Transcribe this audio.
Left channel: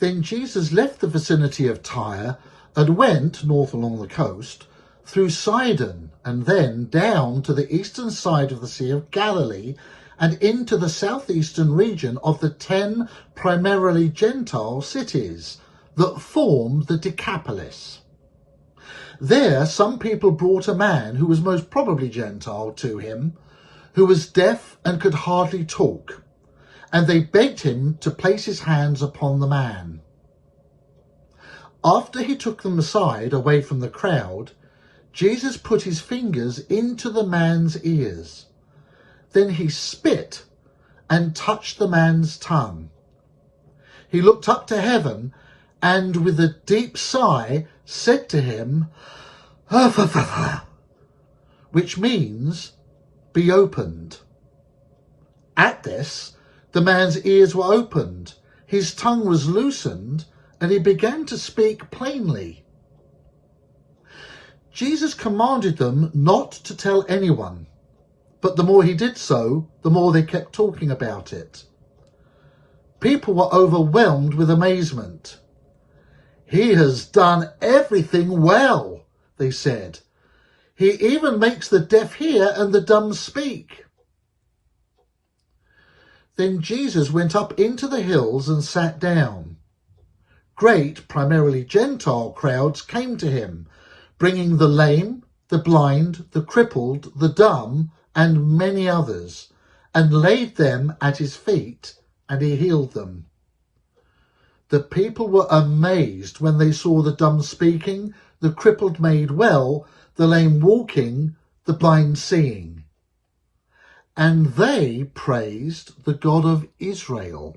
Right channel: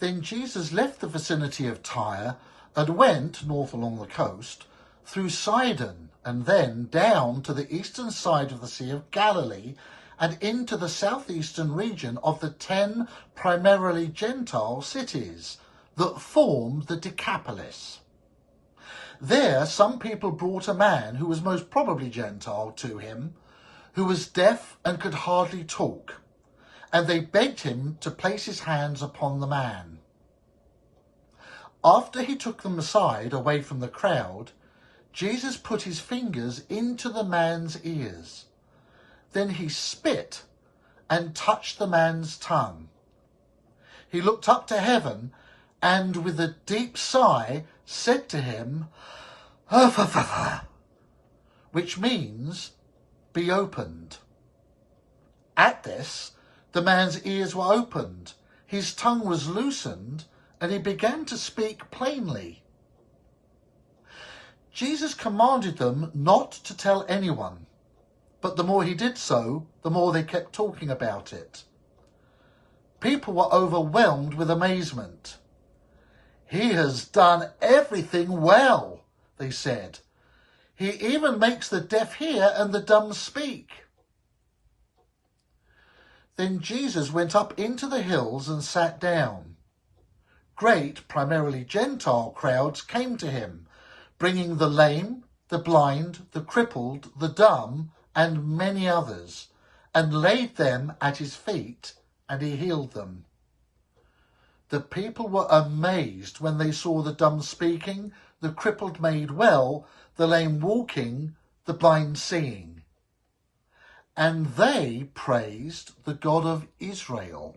Then Jesus left the vicinity of Tyre and went north along the coast through Sidon and then down to the eastern side of the Sea of Galilee and into the southeastern region of the 10 primarily Gentile cities that formed the Decapolis. There some people brought a man who was most probably Gentile to him, who was deaf and could hardly talk, and they begged him to place his hands upon the man. After he took them aside away from the crowd, Jesus put his fingers into the man's ears. Then he spit and touched the man's tongue. He looked up to heaven and with a deep sigh said to him, which means, be opened. At this, the man's ears were opened, his tongue was loosened, and he began to speak plainly. Jesus commanded them not to tell anyone, but the more he did so, the more they kept talking about it. People were overwhelmed with amazement. "He has done everything well," they said. "He even makes the deaf hear and the dumb speak." Then Jesus went up into the hills and sat down. Great, primarily Gentile crowds came to him, bringing the lame, the blind, the crippled, the dumb, and many others, and laid them at his feet, and he healed them. The people were amazed when they saw the dumb speaking, the crippled made well, the lame walking, the blind seeing. And they praised the God of Israel.